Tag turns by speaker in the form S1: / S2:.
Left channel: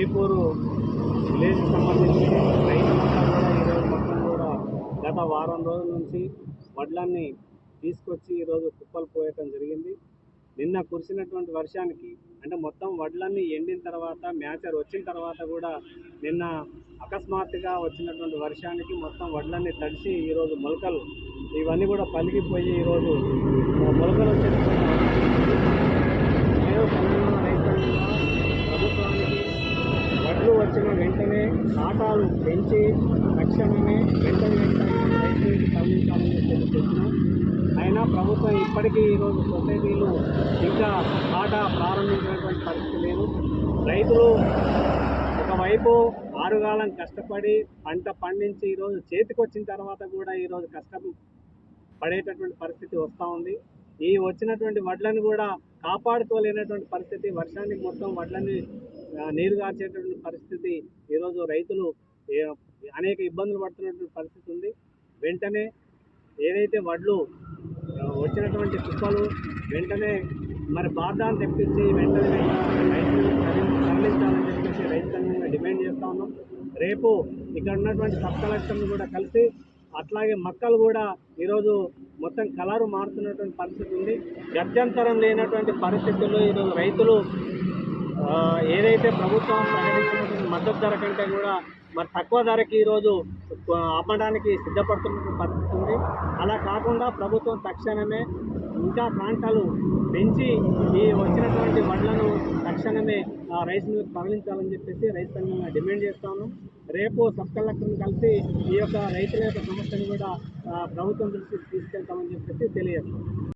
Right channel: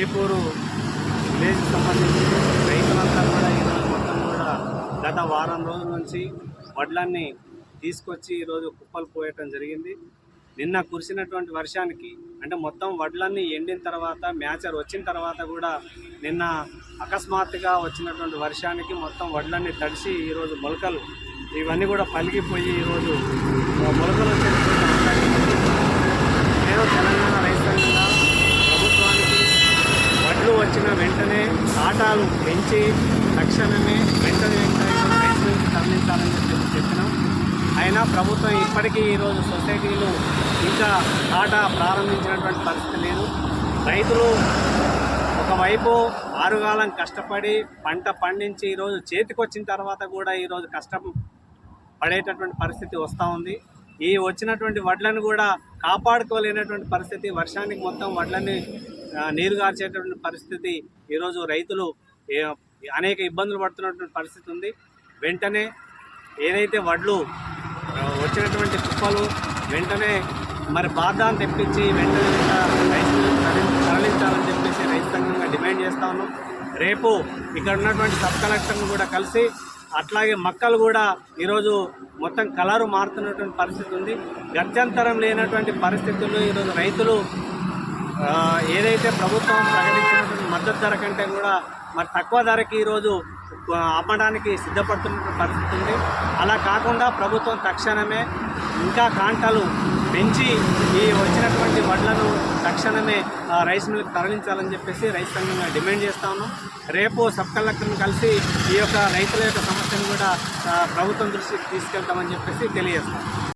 S1: వేపూరు విలేజ్కి సంబంధించి రైతులంతా కూడా ఈరోజు మొత్తం కూడా గత వారం రోజుల నుంచి వడ్లన్నీ తీసుకొచ్చి ఈరోజు కుప్పలు పోయటం జరిగింది. నిన్న కురిసినటువంటి వర్షానికి అంటే మొత్తం వడ్లన్నీ ఎండిన తర్వాత మ్యాచర్ వచ్చిన తర్వాత కూడా నిన్న అకస్మాత్తుగా వచ్చినటువంటి వర్షానికి మొత్తం వడ్లన్నీ తడిసి ఈరోజు మొలకలు ఇవన్నీ కూడా పలిగిపోయి ఈరోజు మొలకలు వచ్చేటటువంటి అవకాశం నేను తెలంగాణ రైతు సంఘంగా ప్రభుత్వానికి వడ్లు వచ్చిన వెంటనే ఆటాలు పెంచి తక్షణమే వెంటనే వెంటనే తరలించాలని చెప్పి చెప్పినాం. అయినా ప్రభుత్వం ఇప్పటికీ ఈరోజు సొసైటీలు ఇంకా ఆట ప్రారంభించినటువంటి పరిస్థితి లేదు. రైతులు ఒకవైపు ఆరుగాలం కష్టపడి పంట పండించి ఈరోజు చేతికొచ్చిన తర్వాత కూడా ఈరోజు కష్టం పడేటటువంటి పరిస్థితి వస్తూ ఉంది. ఈ వచ్చినటువంటి వడ్లను కూడా కాపాడుకోలేనటువంటి పరిస్థితి వర్షానికి మొత్తం వడ్లని నీరు గార్చేటటువంటి పరిస్థితి ఈరోజు రైతులు అనేక ఇబ్బందులు పడుతున్నటువంటి పరిస్థితి ఉంది. వెంటనే ఏదైతే వడ్లు వచ్చినటువంటి కుప్పలు వెంటనే మరి బాధాన్ని తెప్పించి వెంటనే రైతులు తరలించాలని చెప్పేసి రైతు సంఘంగా డిమాండ్ చేస్తా ఉన్నాం. రేపు ఇక్కడ ఉన్నటువంటి సబ్ కలెక్టర్ను కూడా కలిసి అట్లాగే మక్కలు కూడా ఈరోజు మొత్తం కలరు మారుతున్నటువంటి పరిస్థితి ఉంది. గత్యంతరం లేనటువంటి పరిస్థితుల్లో ఈరోజు రైతులు ఏదైతే ప్రభుత్వం ప్రకటించినటువంటి మద్దతు ధర కంటే కూడా మరి తక్కువ ధరకి ఈరోజు అమ్మడానికి సిద్ధపడుతున్నటువంటి పరిస్థితి ఉంది. అలా కాకుండా ప్రభుత్వం తక్షణమే ఇంకా కాంటాలు పెంచి ఈ వచ్చినటువంటి వడ్లను తక్షణమే రైస్ మిల్కి తరలించాలని చెప్పేసి రైతు సంఘంగా డిమాండ్ చేస్తా ఉన్నాం. రేపు సబ్ కలెక్టర్ని కలిసి ఈ యొక్క రైతుల యొక్క సమస్యను కూడా ప్రభుత్వం దృష్టికి తీసుకెళ్తామని చెప్పేసి తెలియజేస్తాం.